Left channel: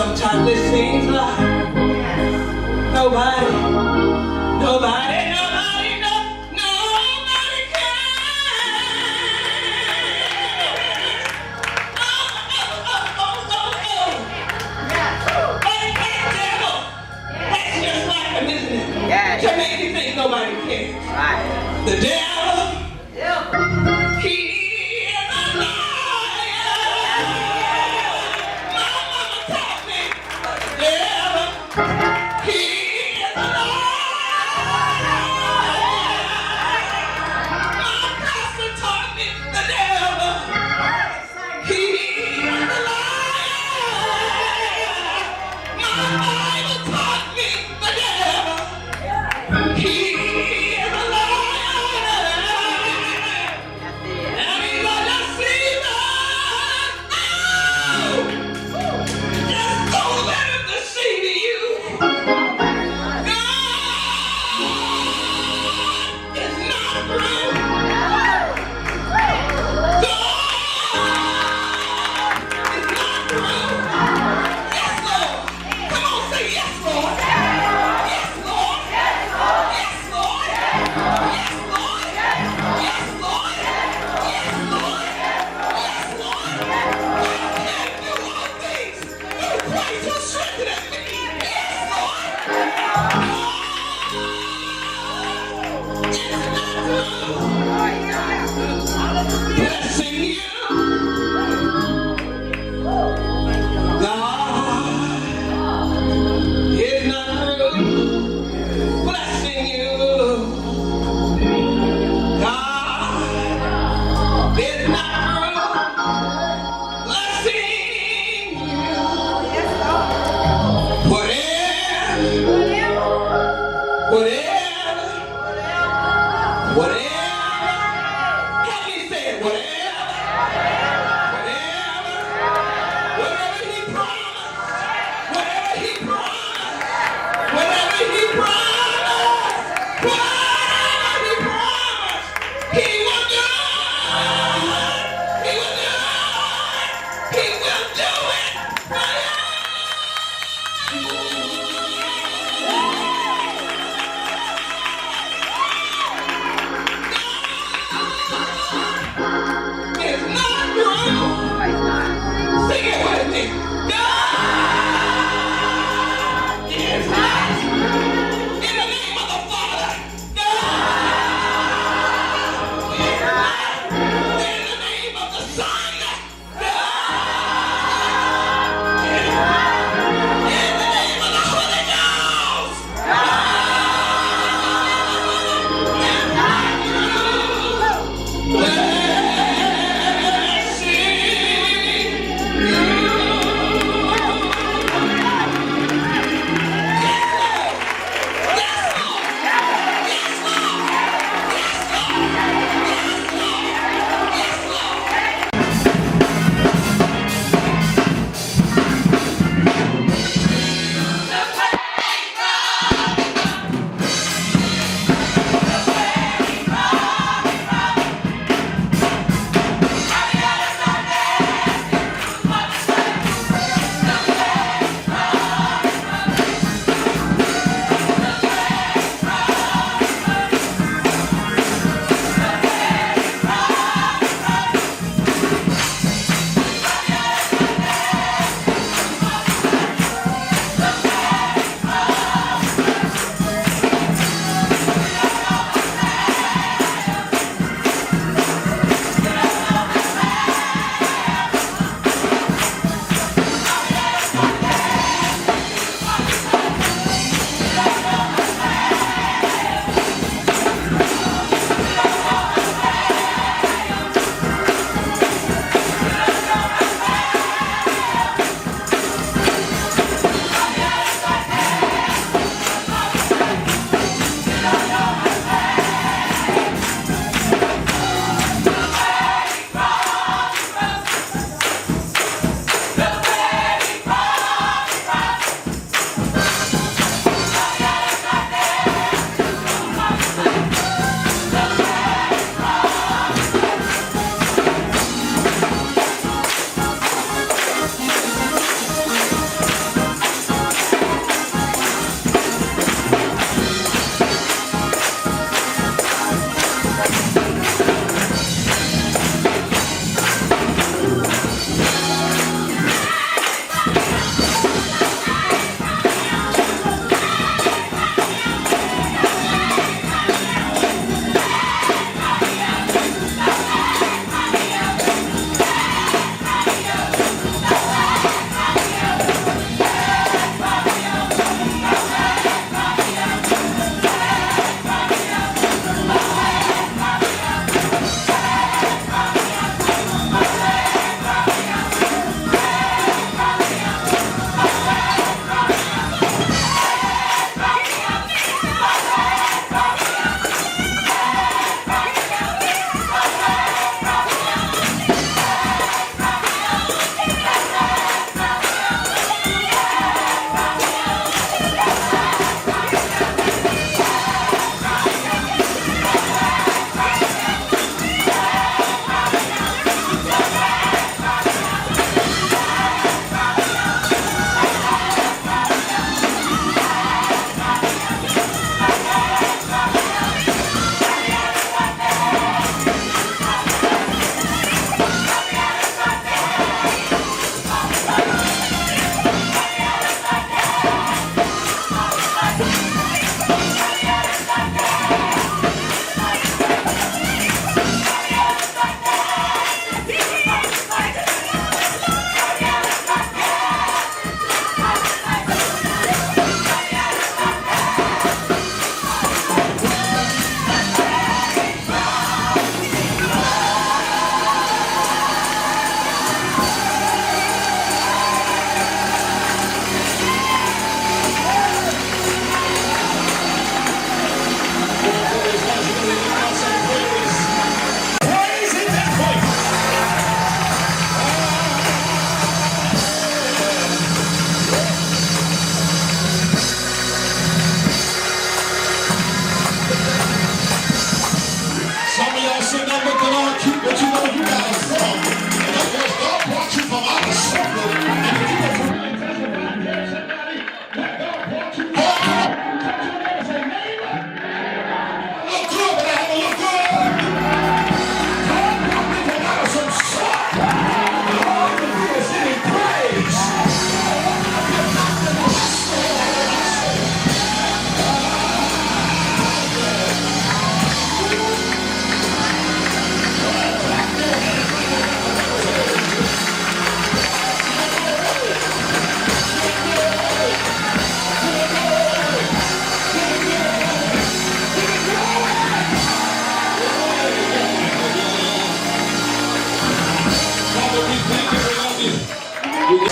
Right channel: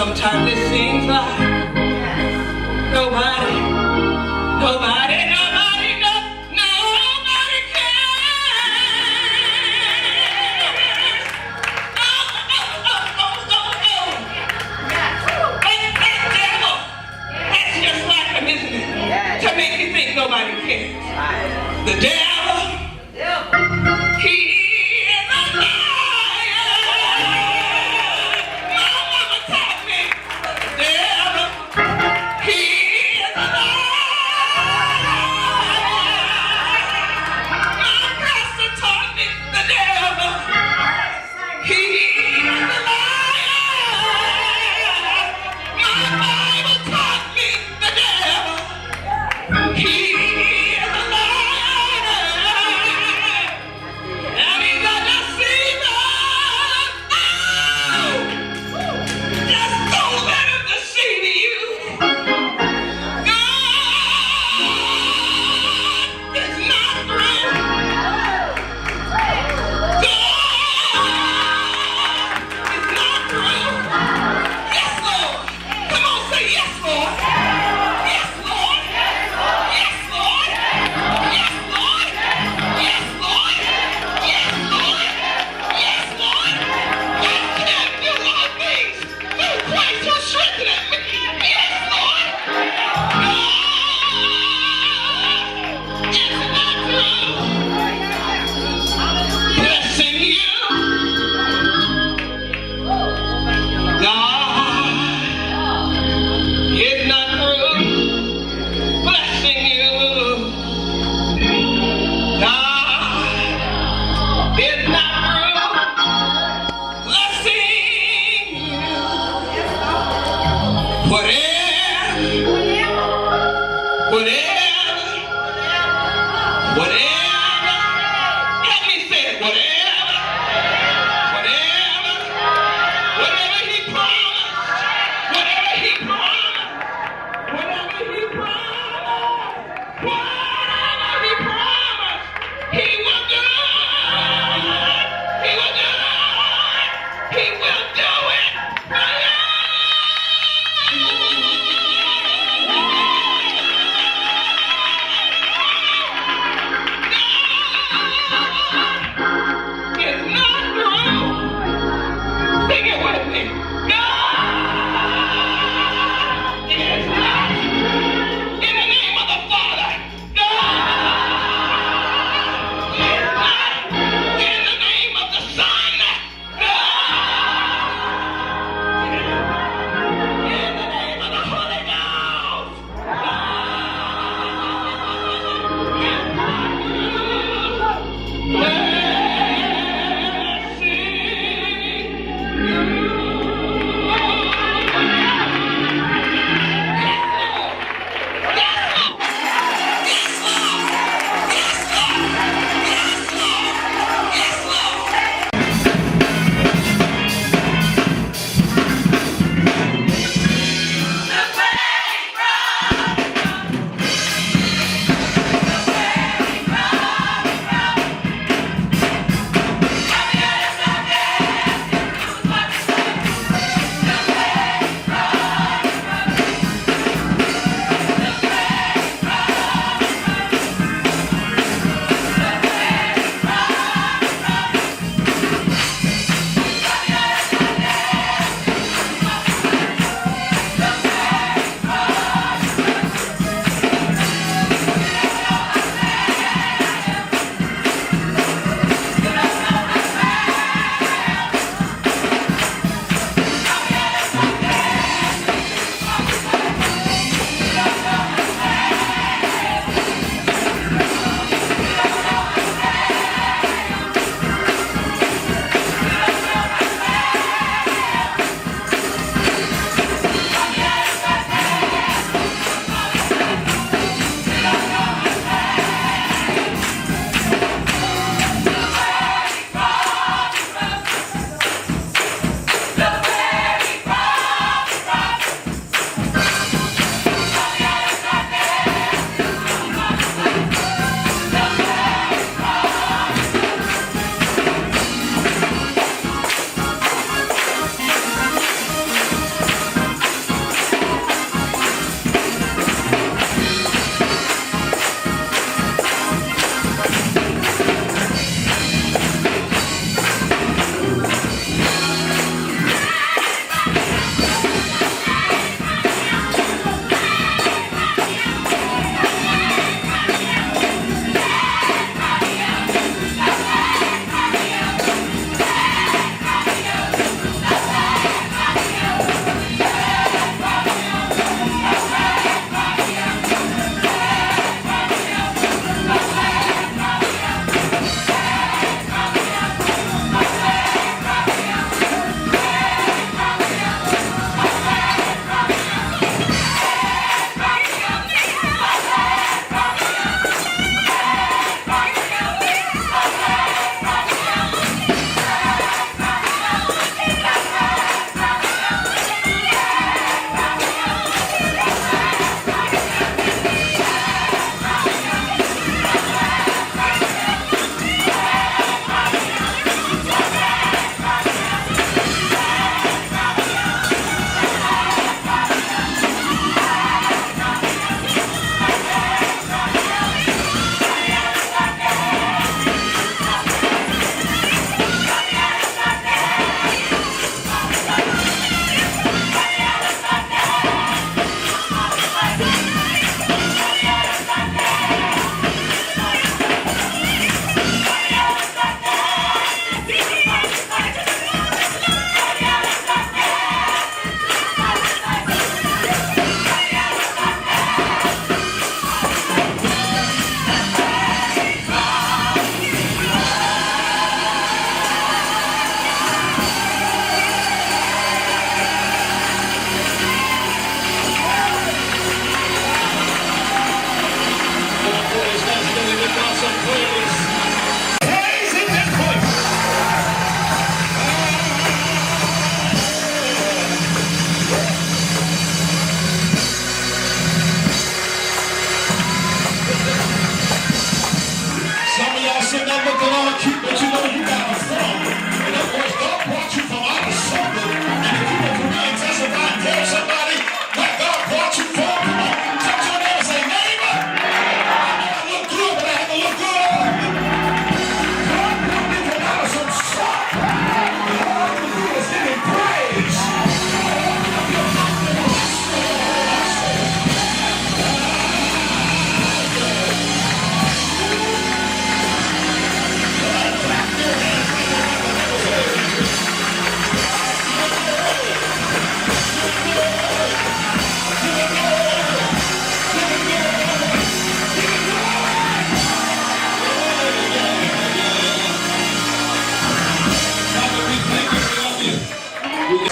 sometimes it seems like nobody to make you think nobody cares. The devil, he is a liar. My mama taught me, the devil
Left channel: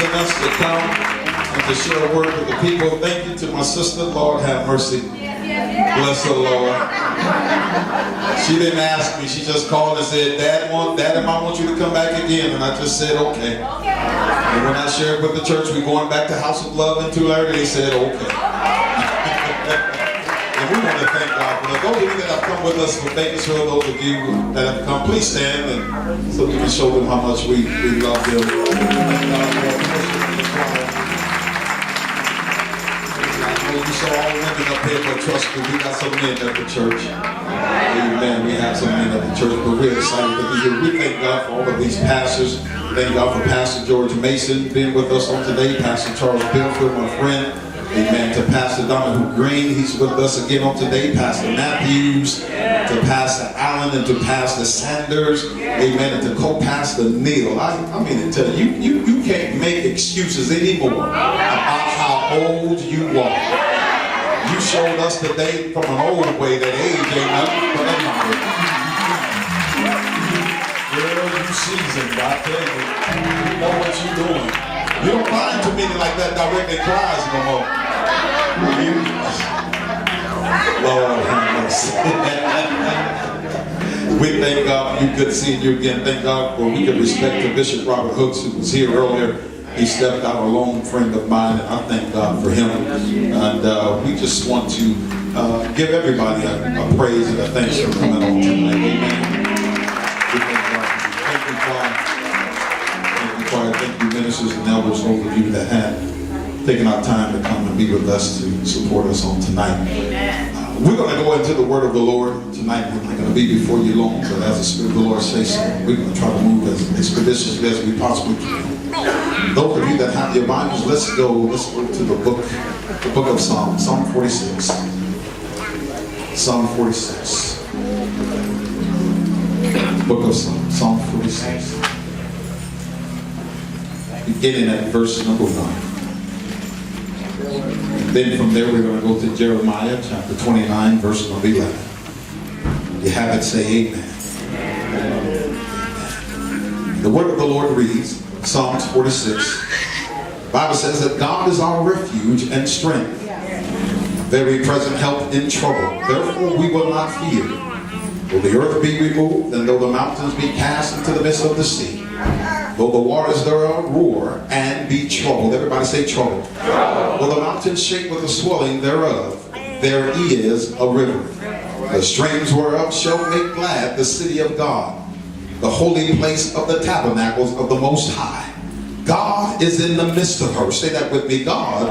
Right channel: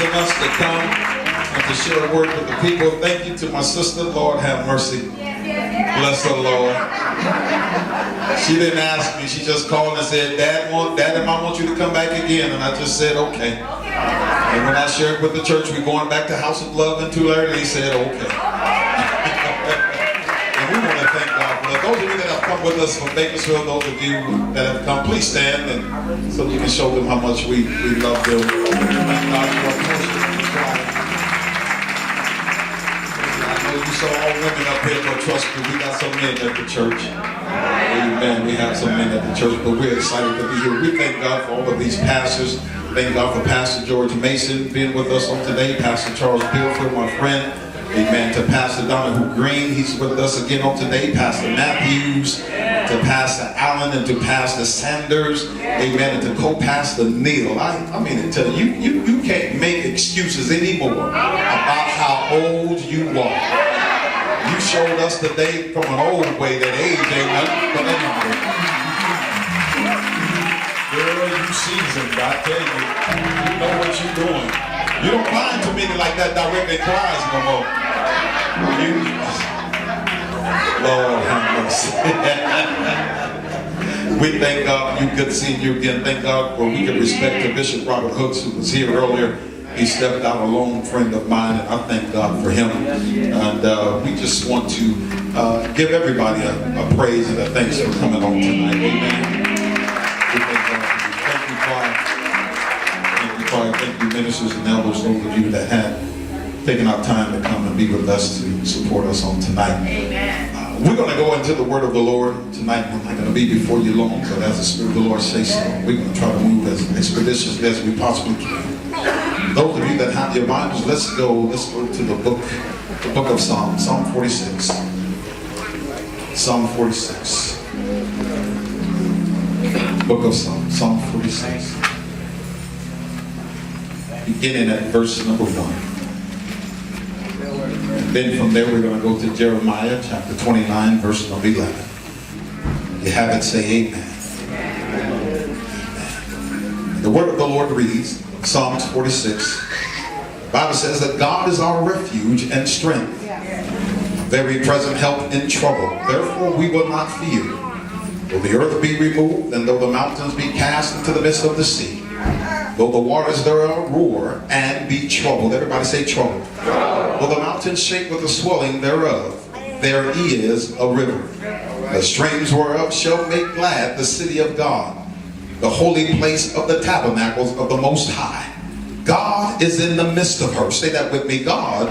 Us to come and to share a word with the people. Thank you to my sister. Lord have mercy. Bless her, Lord. She didn't ask me. She just called and said, Daddy, I want you to come back again. And I just said, okay. And when I shared with the church, we're going back to House of Love in Tulare, they said, okay. And we want to thank God for that. Those of you that have come with us for making sure, those of you that have come, please stand and so we can show them how much we love them. You saw all women up here, but trust me, we got some men at the church. Amen. We have some men at the church, but we're excited to be here. We thank God for all of these pastors. Thank God for Pastor George Mason being with us on today. Pastor Charles Billfield, my friend. Amen. To Pastor Donahue Green, he's with us again on today. Pastor Matthews, to Pastor Allen, and to Pastor Sanders. Amen. And to co-pastor Neil. I mean to tell you, you can't make excuses anymore about how old you are. You showed us today from an old way that age ain't nothing but anything. Girl, you seasoned, I tell you. You know what you're doing. You don't mind to me like that directly cries no more. Lord have mercy. We thank God for you. Good seeing you again. Thank God for we can respect to Bishop Robert Hooks, who was here earlier. He stepped out, a long friend of mine, and I thank God for him. And we just want to give everybody a praise and a thanks for coming on tonight. Amen. We thank God for you. Thank you, Father. Thank you, Father. Thank you, ministers and elders, those of you that had taken our time to come and be with us to support us on tonight. Amen. We're going to go into the word of the Lord tonight. We're not going to be before you long, but as the Spirit of the Lord says so, we're going to try to move as expeditiously as we possibly can. Those of you that have your Bibles, let's go to the book of Psalms, Psalm 46. Psalm 46. Book of Psalms, Psalm 46. beginning at verse number 1. Then from there we're going to go to Jeremiah chapter 29, verse number 11. You have it, say amen. The word of the Lord reads, Psalms 46. The Bible says that God is our refuge and strength, very present help in trouble. Therefore we will not fear. Though the earth be removed, and though the mountains be cast into the midst of the sea, though the waters thereof roar and be troubled. Everybody say trouble. Though the mountains shake with the swelling thereof, there is a river. The streams whereof shall make glad the city of God, the holy place of the tabernacles of the Most High. God is in the midst of her. Say that with me. God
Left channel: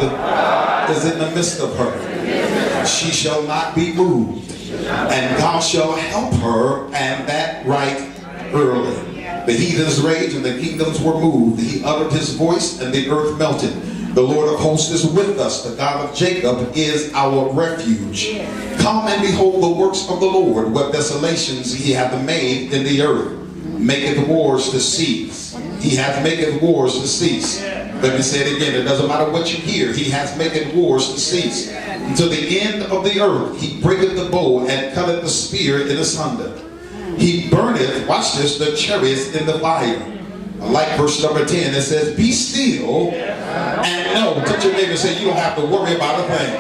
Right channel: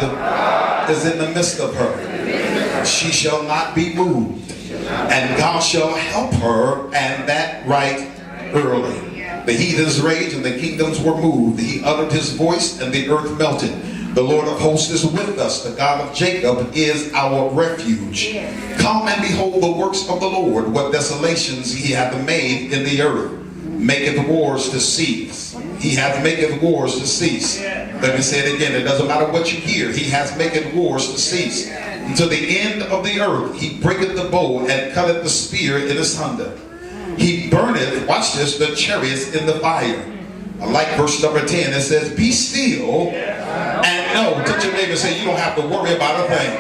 is in the midst of her. She shall not be moved, and God shall help her, and that right early. The heathens raged, and the kingdoms were moved. He uttered his voice, and the earth melted. The Lord of hosts is with us. The God of Jacob is our refuge. Come and behold the works of the Lord, what desolations he hath made in the earth. Maketh wars to cease. He hath maketh wars to cease. Let me say it again. It doesn't matter what you hear. He hath maketh wars to cease. Until the end of the earth, he breaketh the bow and cutteth the spear in asunder. He burneth, watch this, the chariots in the fire. I like verse number 10. It says, be still and know. Touch your neighbor and say, you don't have to worry about a thing.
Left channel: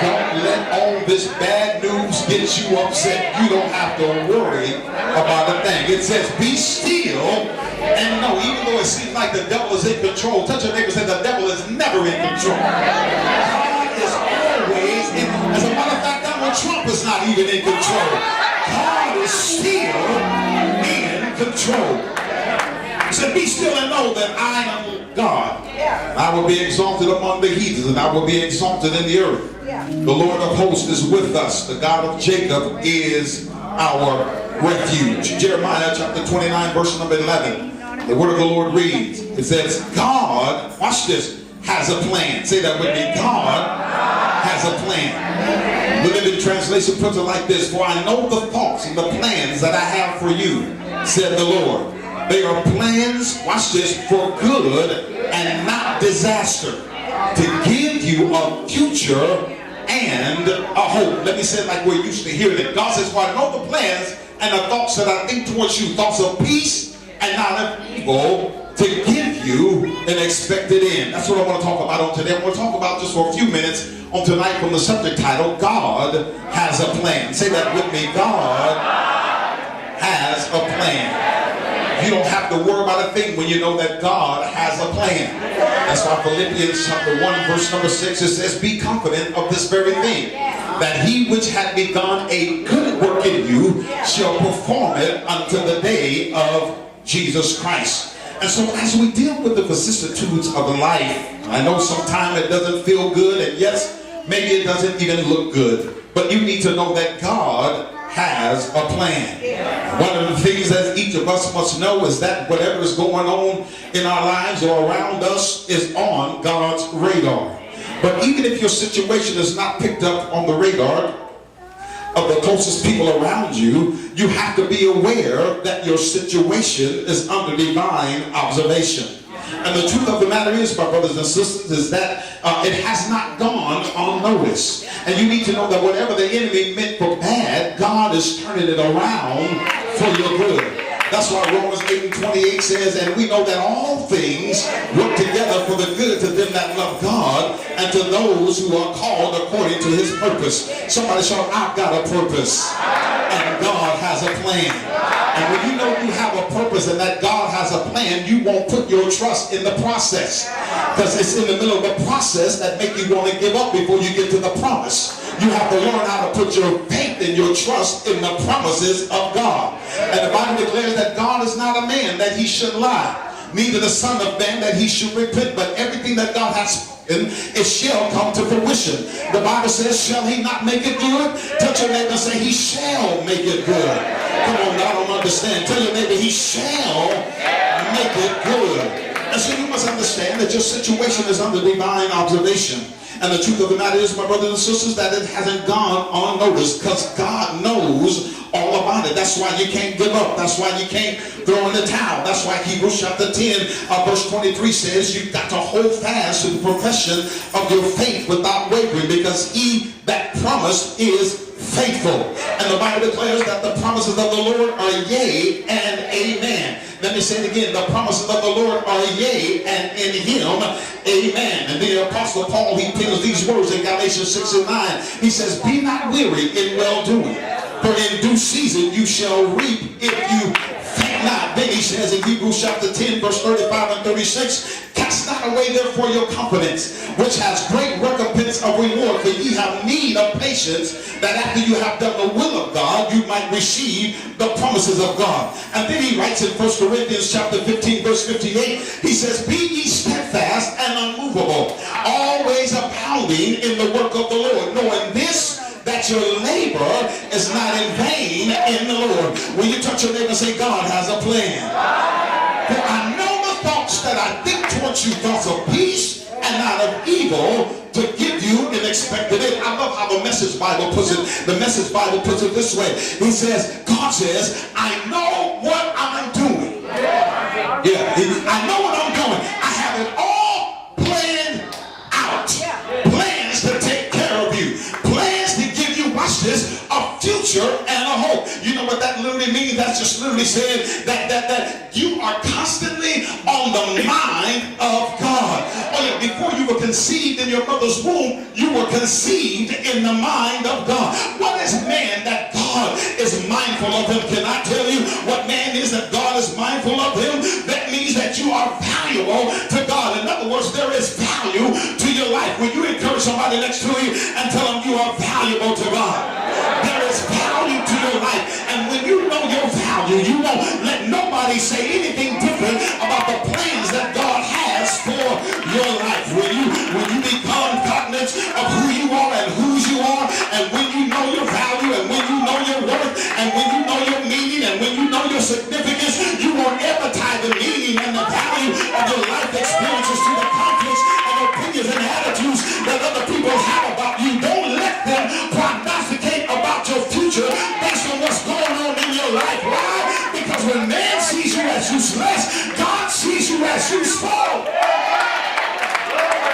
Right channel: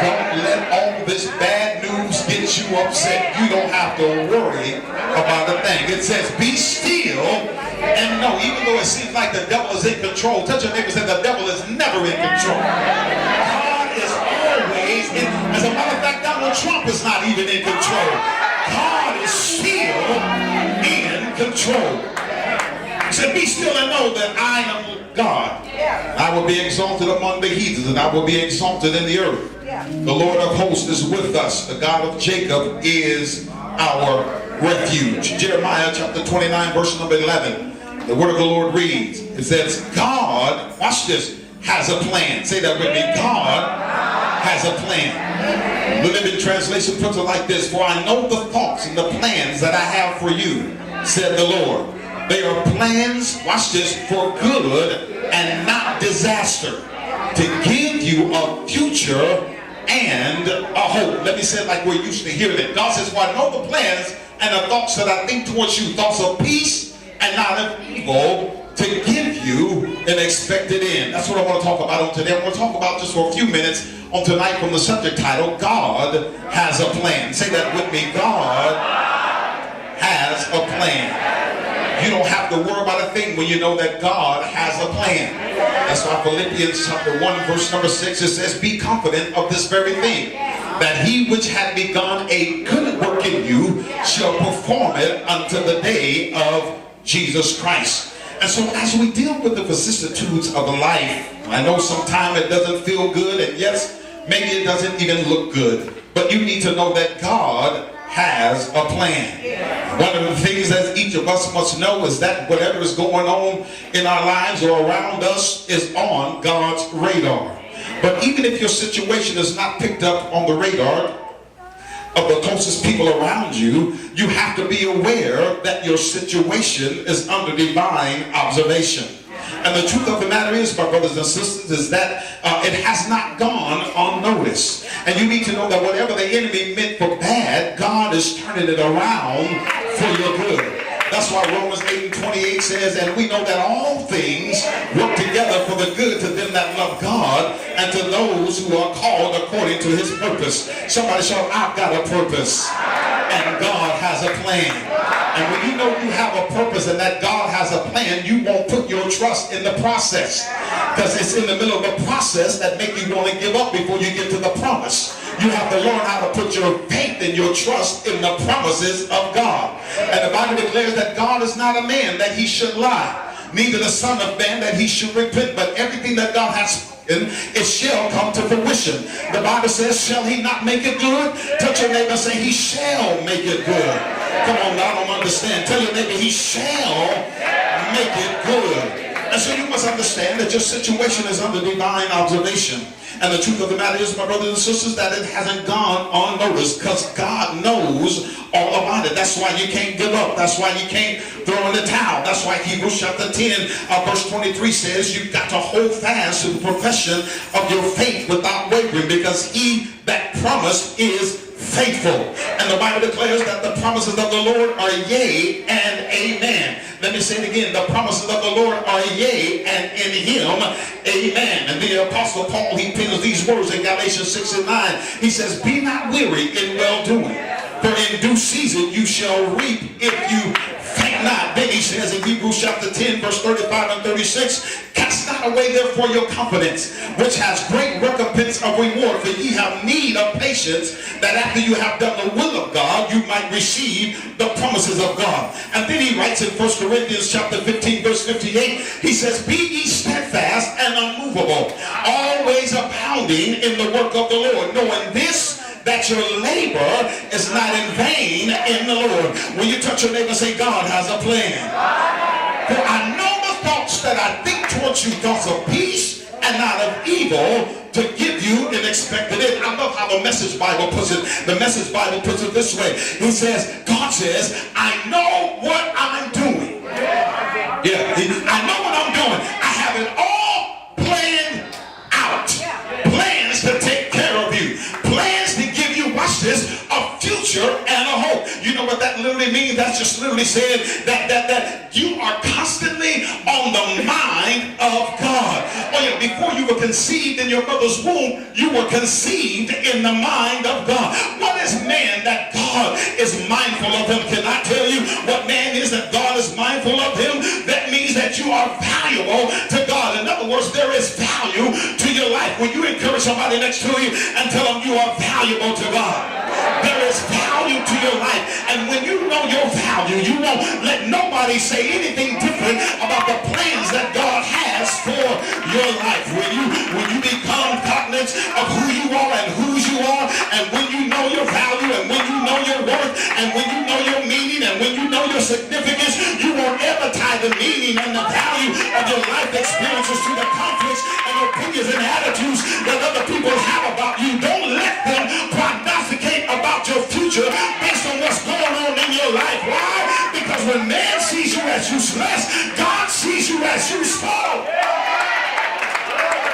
Don't let all this bad news get you upset. You don't have to worry about a thing. It says, be still and know. Even though it seems like the devil is in control, touch your neighbor and say, the devil is never in control. God is always in. As a matter of fact, Donald Trump is not even in control. God is still in control. He said, be still and know that I am God. I will be exalted among the heathens, and I will be exalted in the earth. The Lord of hosts is with us. The God of Jacob is our refuge. Jeremiah chapter 29, verse number 11. The word of the Lord reads, it says, God, watch this, has a plan. Say that with me. God has a plan. The Living Translation puts it like this: for I know the thoughts and the plans that I have for you, said the Lord. They are plans, watch this, for good and not disaster, to give you a future and a hope. Let me say it like we're used to hearing it. God says, well, I know the plans and the thoughts that I think towards you, thoughts of peace and not of evil, to give you an expected end. That's what I want to talk about on today. I want to talk about just for a few minutes on tonight from the subject title, God has a plan. Say that with me. God has a plan. You don't have to worry about a thing when you know that God has a plan. That's why Philippians chapter 1 verse number 6, it says, be confident of this very thing, that he which had begun a good work in you shall perform it until the day of Jesus Christ. And so as we deal with the vicissitudes of life, I know sometimes it doesn't feel good, and yes, maybe it doesn't even look good, but you need to know that God has a plan. One of the things that each of us must know is that whatever is going on in our lives or around us is on God's radar. But even if your situation is not picked up on the radar of the closest people around you, you have to be aware that your situation is under divine observation. And the truth of the matter is, my brothers and sisters, is that it has not gone unnoticed. And you need to know that whatever the enemy meant for bad, God is turning it around for your good. That's why Romans 8:28 says, and we know that all things work together for the good to them that love God and to those who are called according to his purpose. Somebody shout, I've got a purpose. And God has a plan. And when you know you have a purpose and that God has a plan, you won't put your trust in the process. Because it's in the middle of the process that make you want to give up before you get to the promise. You have to learn how to put your faith and your trust in the promises of God. And the Bible declares that God is not a man that he should lie, neither the son of man that he should repent. But everything that God has spoken, it shall come to fruition. The Bible says, shall he not make it good? Touch your neighbor and say, he shall make it good. Come on, I don't understand. Tell your neighbor, he shall make it good. And so you must understand that your situation is under divine observation. And the truth of the matter is, my brothers and sisters, that it hasn't gone unnoticed because God knows all about it. That's why you can't give up. That's why you can't throw in the towel. That's why Hebrews chapter 10 verse 23 says you've got to hold fast to the profession of your faith without wavering, because he that promised is faithful. And the Bible declares that the promises of the Lord are yea and amen. Let me say it again. The promises of the Lord are yea, and in him, amen. And the Apostle Paul, he pens these words in Galatians 6 and 9. He says, be not weary in well-doing, for in due season you shall reap if you faint not. Then he says in Hebrews chapter 10, verse 35 and 36, cast not away therefore your confidence, which has great recompense of reward. For ye have need of patience, that after you have done the will of God, you might receive the promises of God. And then he writes in 1 Corinthians chapter 15, verse 58, he says, be ye steadfast and unmovable, always abounding in the work of the Lord, knowing this, that your labor is not in vain in the Lord. When you touch your neighbor and say, God has a plan. For I know the thoughts that I think towards you, thoughts of peace and not of evil, to give you an expected end. I love how the Message Bible puts it. The Message Bible puts it this way. It says, God says, I know what I'm doing. Yeah, I know what I'm doing. I have it all planned out. Plans to take care of you. Plans to give you, watch this, a future and a hope. You know what that literally means? That's just literally saying that you are constantly on the mind of God. Oh yeah, before you were conceived in your mother's womb, you were conceived in the mind of God. What is man that God is mindful of him? Can I tell you what man is that God is mindful of him? That means that you are valuable to God. In other words, there is value to your life. When you encourage somebody next to you and tell them you are valuable to God, there is value to your life. And when you know your value, you won't let nobody say anything different about the plans that God has for your life. When you become cognizant of who you are and whose you are, and when you know your value, and when you know your worth, and when you know your meaning, and when you know your significance, you won't ever tie the meaning and the value of your life experiences to the conflicts and opinions and attitudes that other people have about you. Don't let them prognosticate about your future based on what's going on in your life. Why? Because when man sees you as useless, God sees you as useful.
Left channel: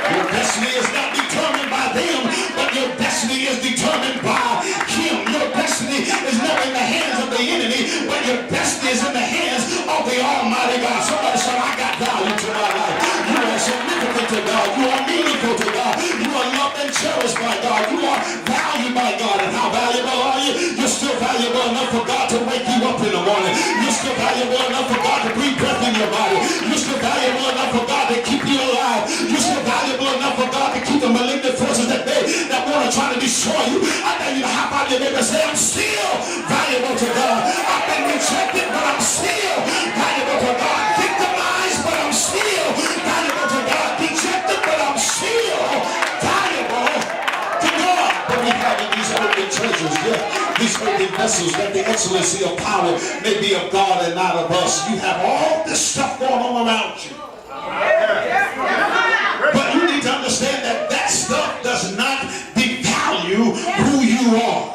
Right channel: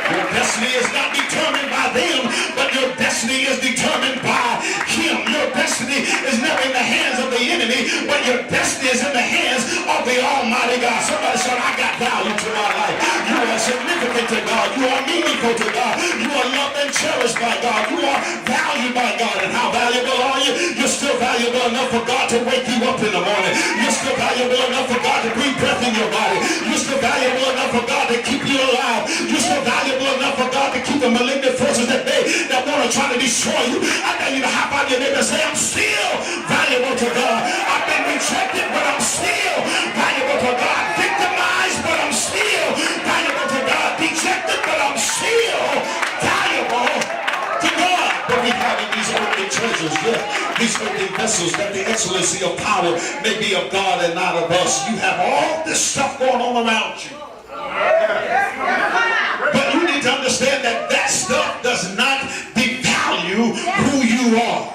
Your destiny is not determined by them, but your destiny is determined by him. Your destiny is never in the hands of the enemy, but your destiny is in the hands of the Almighty God. Somebody said, I got value to my life. You are significant to God. You are meaningful to God. You are loved and cherished by God. You are valued by God. And how valuable are you? You're still valuable enough for God to wake you up in the morning. You're still valuable enough for God to breathe breath in your body. You're still valuable enough for God to keep you alive. You're still valuable enough for God to keep the malignant forces that want to try to destroy you. I dare you to hop out your neighbor and say, I'm still valuable to God. I've been rejected, but I'm still valuable to God. Victimized, but I'm still valuable to God. Dejected, but I'm still valuable to God. But we have these earthly treasures, these earthly vessels, that the excellency of power may be of God and not of us. You have all this stuff going on around you. But you need to understand that that stuff does not devalue who you are,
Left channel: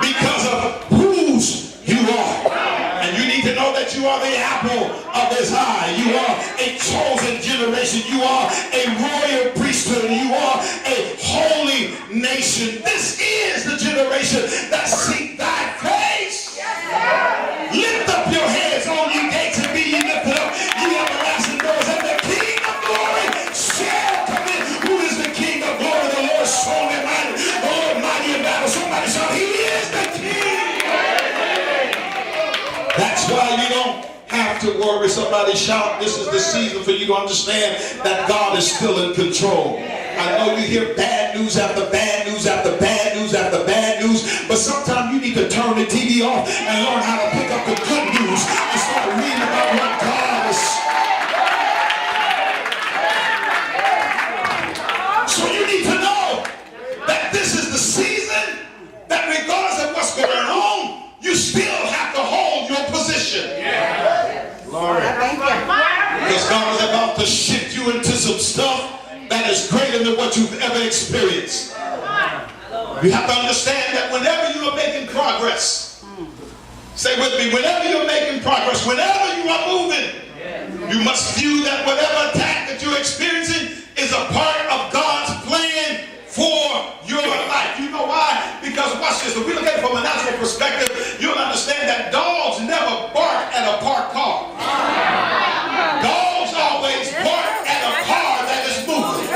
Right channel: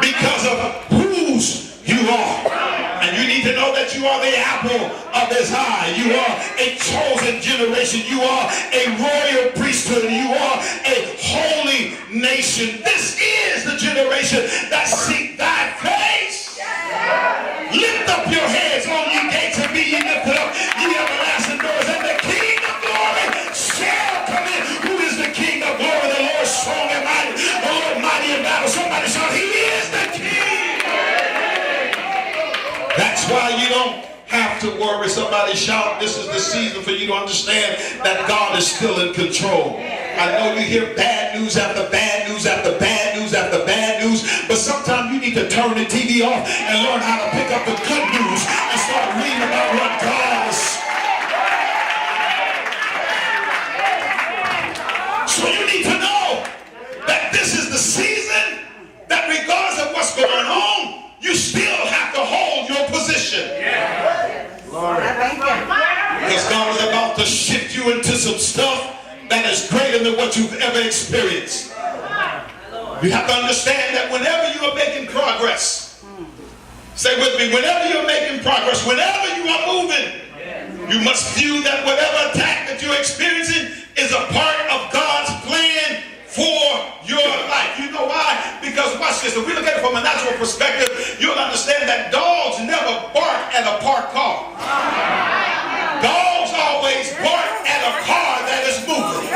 because of whose you are. And you need to know that you are the apple of his eye. You are a chosen generation. You are a royal priesthood. You are a holy nation. This is the generation that seek thy face. Lift up your heads, all ye gates, and be ye lifted up, ye everlasting doors, and the King of glory shall come in. Who is the King of glory? The Lord strong and mighty, the Lord mighty in battle. Somebody shout, he is the King. That's why you don't have to worry. Somebody shout, this is the season for you to understand that God is still in control. I know you hear bad news after bad news after bad news after bad news, but sometimes you need to turn the TV off and learn how to pick up the good news and start reading about what God is. So you need to know that this is the season that regardless of what's going on, you still have to hold your position. Lord. Because God is about to shift you into some stuff that is greater than what you've ever experienced. You have to understand that whenever you are making progress, say with me, whenever you're making progress, whenever you are moving, you must view that whatever attack that you're experiencing is a part of God's plan for your life. You know why? Because watch this. If we look at it from a natural perspective, you'll understand that dogs never bark at a parked car. Dogs always bark at a car that is moving.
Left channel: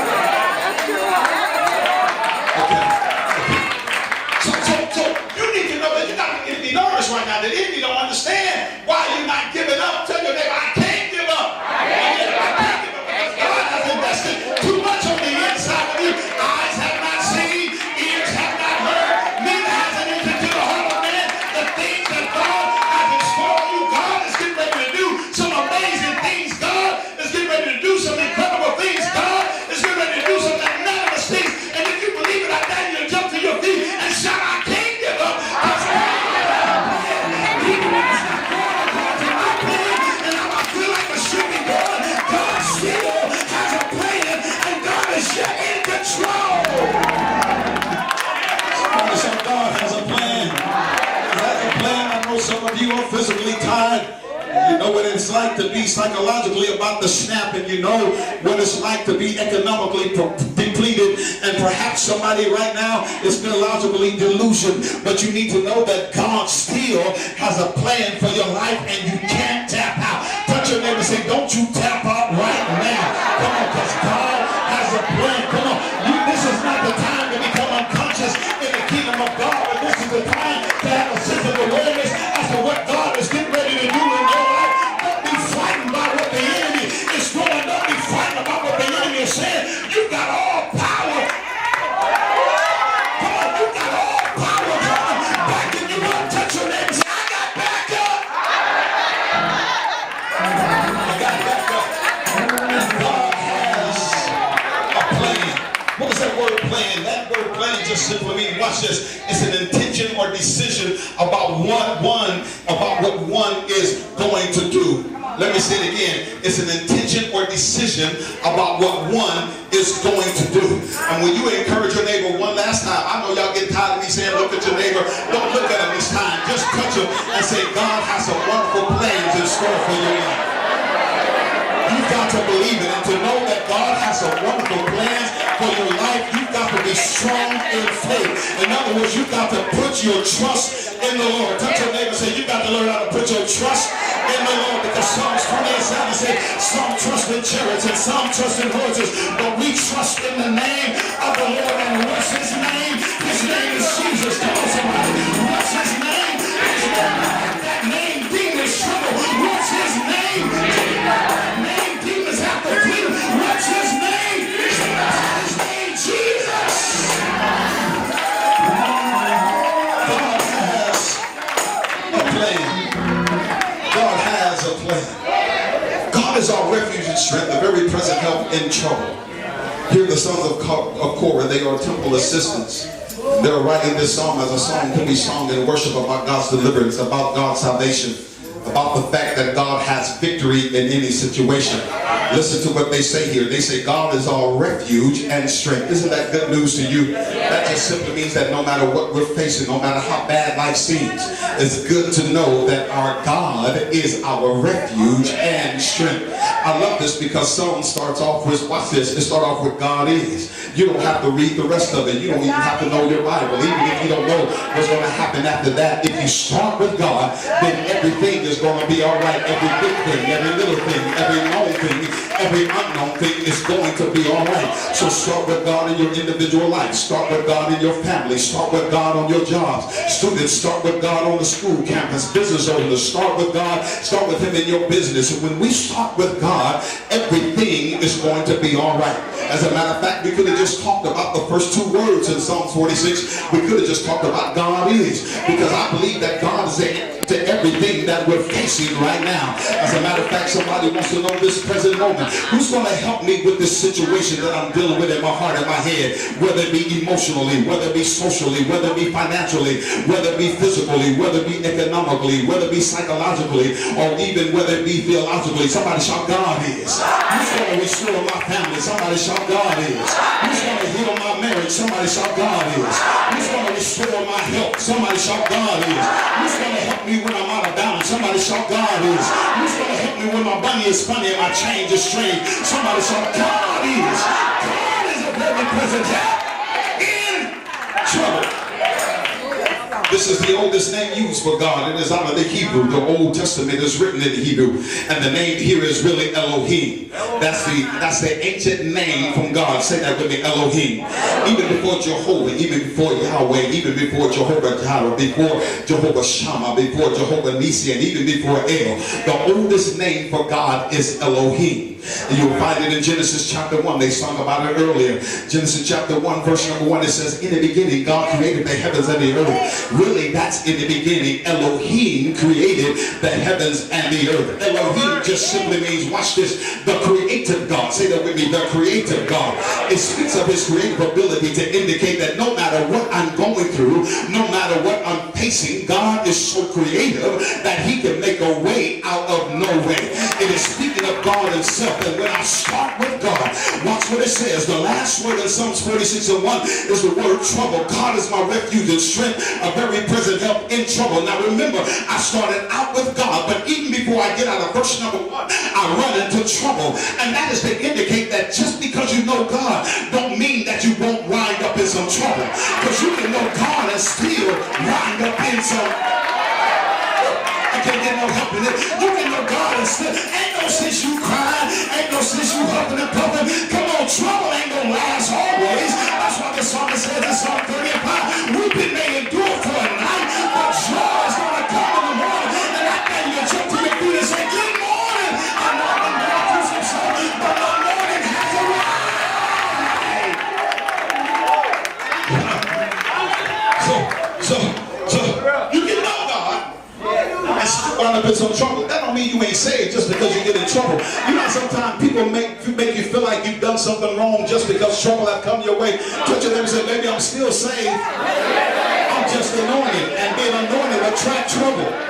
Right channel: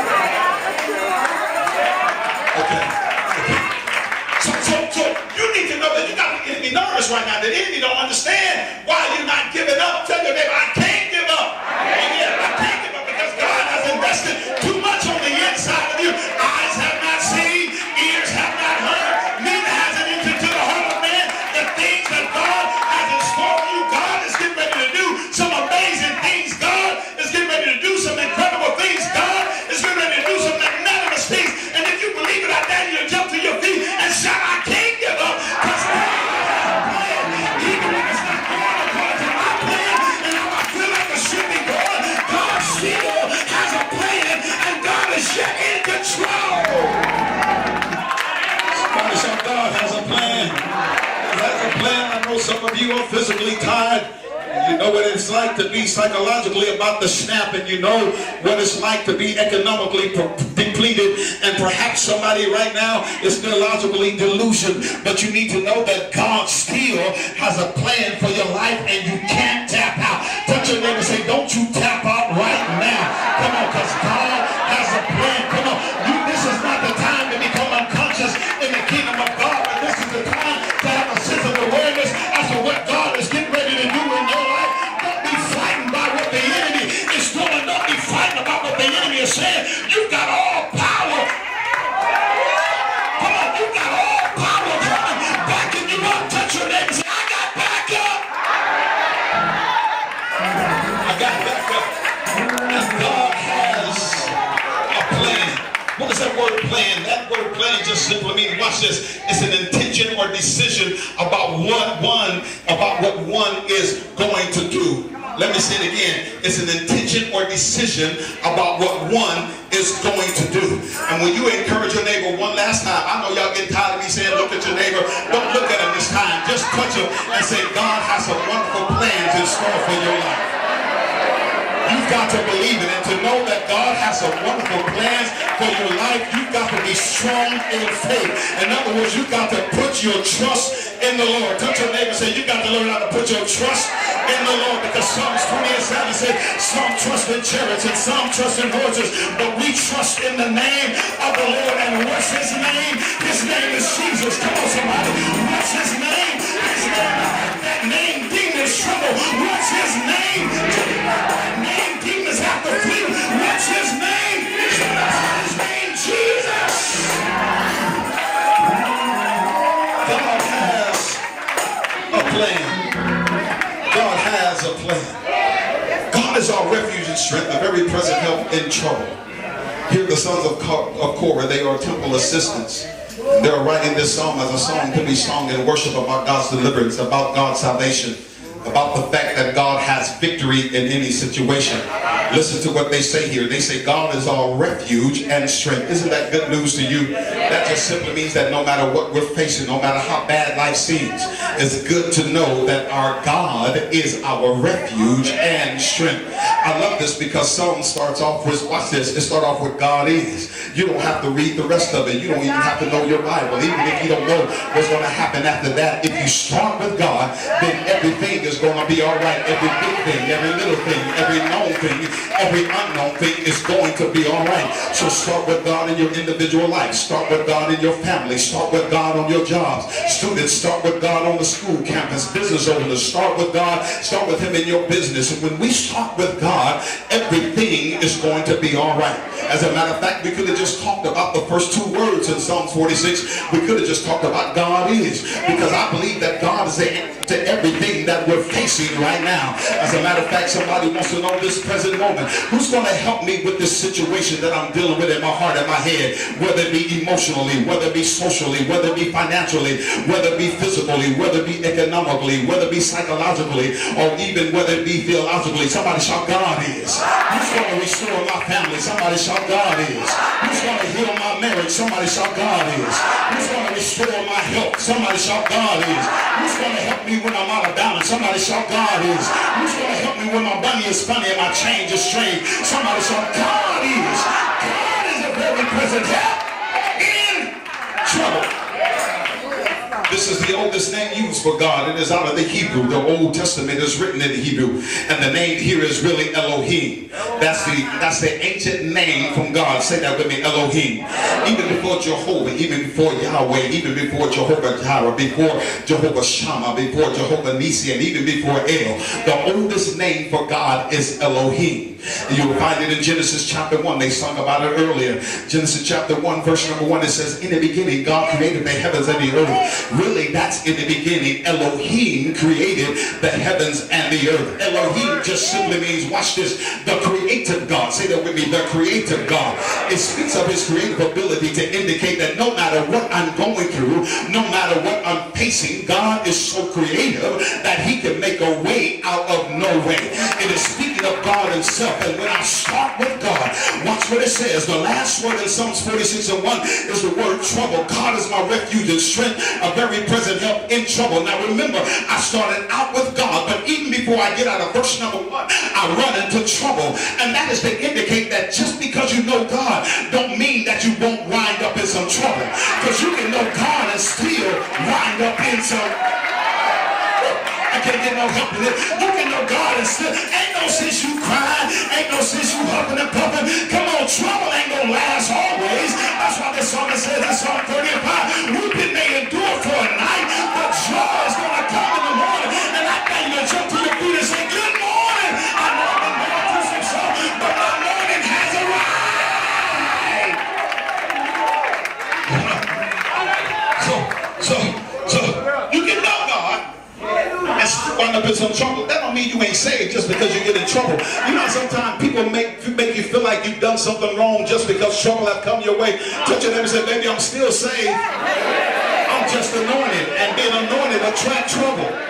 So you need to know that you're not going to be nervous right now. That if you don't understand why you're not giving up, tell your neighbor, I can't give up. I can't give up because God has invested too much on the inside of you. Eyes have not seen, ears have not heard, neither has it entered into the heart of man the things that God has in store for you. God is getting ready to do some amazing things. God is getting ready to do some incredible things. God is getting ready to do some magnanimous things. And if you believe it, I dare you to jump to your feet and shout, I can't give up. Because God has a plan. Even when it's not going according to my plan, and I feel like a shooting board, God still has a plan, and God is yet in control. Somebody shout, God has a plan. He has a plan. I know some of you are physically tired. You know what it's like to be psychologically about to snap, and you know what it's like to be economically depleted, and perhaps somebody right now is theologically delusioned, but you need to know that God still has a plan for your life, and you can't tap out. Touch your neighbor and say, don't you tap out right now. Come on, because God has a plan. Come on. This is not the time to become unconscious in the kingdom of God, but this is the time to have a sense of awareness as to what God is getting ready to do in your life. Don't be frightened by what the enemy is doing. Don't be frightened about what the enemy is saying. You got all power. Come on, you got all power. Come on, backing you up. Touch your neighbor and say, I got back up. I got back up. And God has a plan. What is that word plan? That word plan just simply means, watch this, it's an intention or decision about what one is going to do. Let me say it again. It's an intention or decision about what one is going to do. And when you encourage your neighbor one last time, I know y'all get tired of me saying look at your neighbor. Don't look at him this time. Just touch him and say, God has some wonderful plans in store for your life. You've got to believe it, and to know that God has some wonderful plans for your life, you've got to be strong in faith. In other words, you've got to put your trust in the Lord. Touch your neighbor and say, you got to learn how to put your trust in the Lord, because Psalms 28:7 says, some trust in chariots and some trust in horses, but we trust in the name of the Lord. And what's his name? His name is Jesus. Come on, somebody. What's his name? His name. That name, demons tremble. What's his name? That name, demons have to flee. What's his name? His name, Jesus. God has a plan. God has a plan. God is our refuge and strength, a very present help in trouble. Here the sons of Korah, they are temple assistants. They are writing this psalm as a song to be sung in worship about God's deliverance, about God's salvation, about the fact that God has victory in any situation. Listen to what they say here. They say God is our refuge and strength. Isn't that good news to you? That just simply means that no matter what we're facing, no matter how bad life seems, it's good to know that our God is our refuge and strength. I love this because Psalm starts off with, watch this, it starts off with God is. You don't have to read the rest of it. You don't even have to know your Bible. Even if you don't know what's going to happen after that, if you start with God, then everything is going to be all right. Every big thing, every little thing, every known thing, every unknown thing is going to be all right. So start with God in your individual life. Start with God in your family. Start with God on your jobs. Students, start with God on the school campus. Business owners, start with God. Start with him in your business. And when we start with God, everything is going to be all right. As a matter of fact, we could have just talked about the first two words in Psalm 46. We could have just talked about God is. Because I believe that God is the answer to everything that we're facing right now. As a matter of fact, somebody wants to know this present moment. Who's going to help me with this situation that I'm dealing with in my heart and my head? Whether it be emotionally, whether it be socially, whether it be financially, whether it be physically, whether it be economically, whether it be psychologically, or even whether it be theologically. Somebody shout, God is. Who's going to restore my family? Somebody Somebody shout, God is. Who's going to heal my marriage? Somebody shout, God is. Who's going to restore my health? Somebody shout, God is. Who's going to help me when I'm out of balance? Somebody shout, God is. Who's going to help me when my bunny is funny and my change is strange? Somebody shout, God is. God is a very present help in trouble. This is the oldest name used for God. It is out of the Hebrew. The Old Testament is written in Hebrew. And the name here is really Elohim. That's the ancient name from God. Say that with me, Elohim. Even before Jehovah, even before Yahweh, even before Jehovah Jireh, before Jehovah Shammah, before Jehovah Nisi, and even before El, the oldest name for God is Elohim. And you'll find it in Genesis chapter 1. They sung about it earlier. Genesis chapter 1, verse number 1, it says, in the beginning, God created the heavens and the earth. Really, that's in the beginning. Elohim created the heavens and the earth. Elohim just simply means, watch this, the creative God. Say that with me, the creative God. It speaks of his creative ability to indicate that no matter what I'm going through, no matter what I'm facing, God is so creative that he can make a way out of no way. It is speaking of God himself. And when I start with God, watch what it says. The last word in Psalms 46:1 is the word trouble. God is my refuge and strength, a very present help in trouble. Now remember, I started out with God, but even before I get out of verse number 1, I run into trouble. And that is to indicate that just because you know God don't mean that you won't wind up in some trouble. Because you can know God and still wind up in some... I can't get no help in it. You can know God and still... Ain't no sense you crying. Ain't no sense you huffing and puffing. Come on, trouble ain't gonna last always. That's why this psalmist says in Psalm 35, weeping may endure for a night, but joy is gonna come in the morning. And I think you jump to your feet and say, good morning. I know I'm going through some stuff, but my morning has arrived. So you can know God and still wind up in some trouble. That don't mean you ain't saved just because you get in trouble. You know, sometimes people make you feel like you've done something wrong just because trouble have come your way. Touch your neighbor and say, baby, I'm still saved. I'm just anointed. And being anointed attract trouble.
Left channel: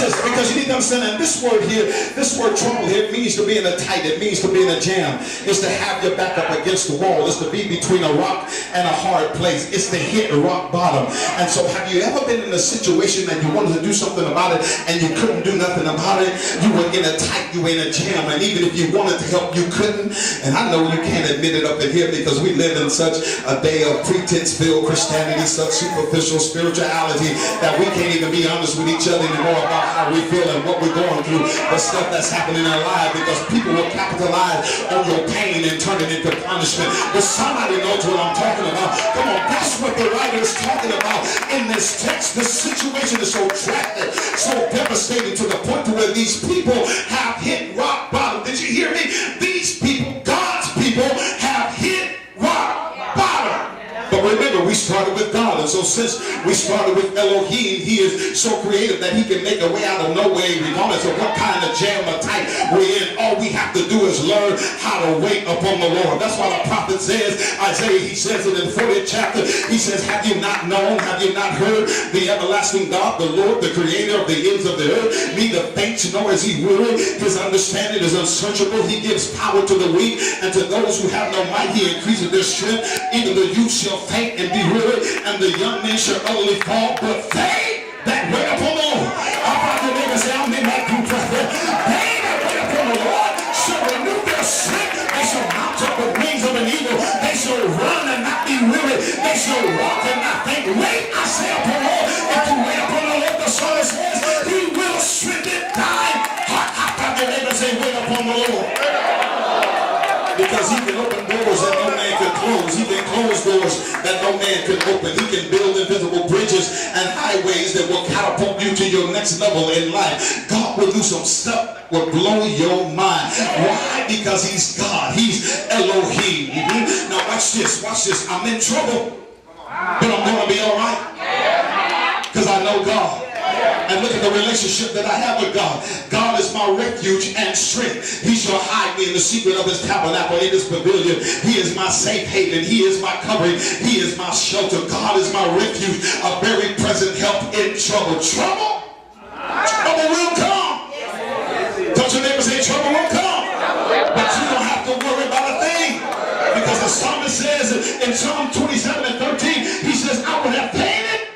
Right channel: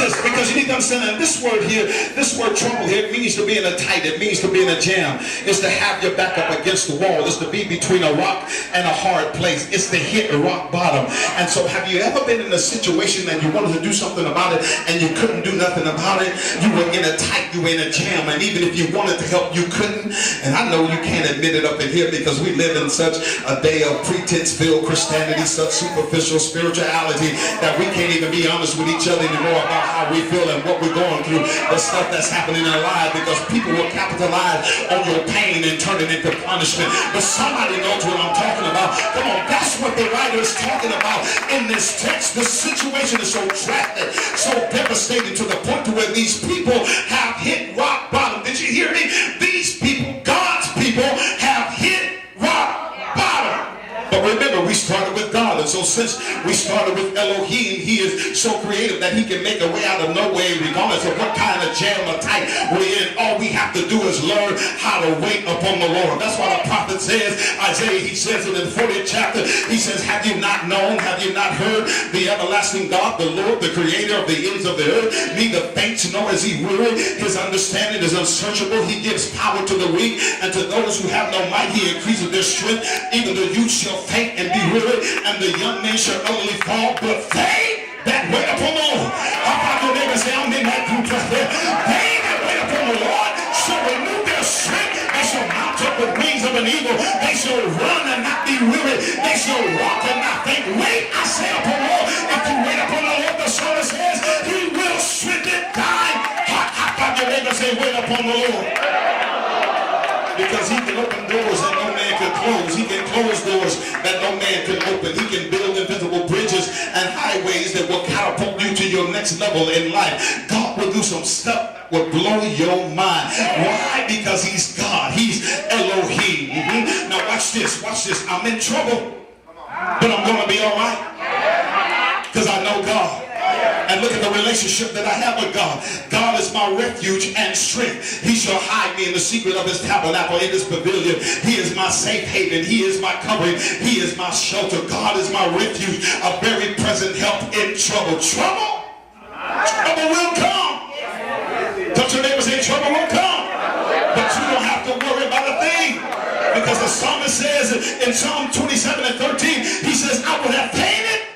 Because you need to understand that this word here, this word trouble here, it means to be in a tight, it means to be in a jam. It's to have your back up against the wall. It's to be between a rock and a hard place. It's to hit rock bottom. And so have you ever been in a situation that you wanted to do something about it and you couldn't do nothing about it? You were in a tight, you were in a jam, and even if you wanted to help, you couldn't. And I know you can't admit it up in here because we live in such a day of pretense-filled Christianity, such superficial spirituality that we can't even be honest with each other anymore about how we feel and what we're going through, the stuff that's happening in our lives, because people will capitalize on your pain and turn it into punishment. But somebody knows what I'm talking about. Come on, that's what the writer is talking about in this text. The situation is so drastic, so devastating to the point to where these people have hit rock bottom. Did you hear me? These people, God's people, have hit rock bottom. But remember, we started with God, and so since we started with Elohim, he is so creative that he can make a way out of no way, regardless of what kind of jam or tight we're in. All we have to do is learn how to wait upon the Lord. That's why the prophet says, Isaiah, he says it in the 40th chapter, he says, have you not known, have you not heard the everlasting God, the Lord, the creator of the ends of the earth, neither faints nor is he weary, his understanding is unsearchable, he gives power to the weak, and to those who have no might, he increases their strength, even the youth shall faint and be weary, and the young men shall utterly fall, but they that wait upon the Lord. How about your neighbor say, I'm in that group right there. They that wait upon the Lord shall renew their strength. They shall mount up with wings of an eagle. They shall run and not be weary. They shall walk and not faint. Wait, I say upon the Lord. If you wait upon the Lord, the psalmist says, he will strengthen thine heart. How about your neighbor say, wait upon the Lord. Because he can open doors that no man can close. He can close doors that no man can open. He can build invisible bridges and highways that will catapult you to your next level in life. God will do some stuff that will blow your mind. Why? Because he's God. He's Elohim. Now watch this. Watch this. I'm in trouble, but I'm going to be all right because I know God. And look at the relationship that I have with God. God is my refuge and strength. He shall hide me in the secret of his tabernacle, in his pavilion. He is my safe haven. He is my covering. He is my shelter. God is my refuge, a very present help in trouble. Trouble will come. in Psalm 27 and 13, he says, I would have fainted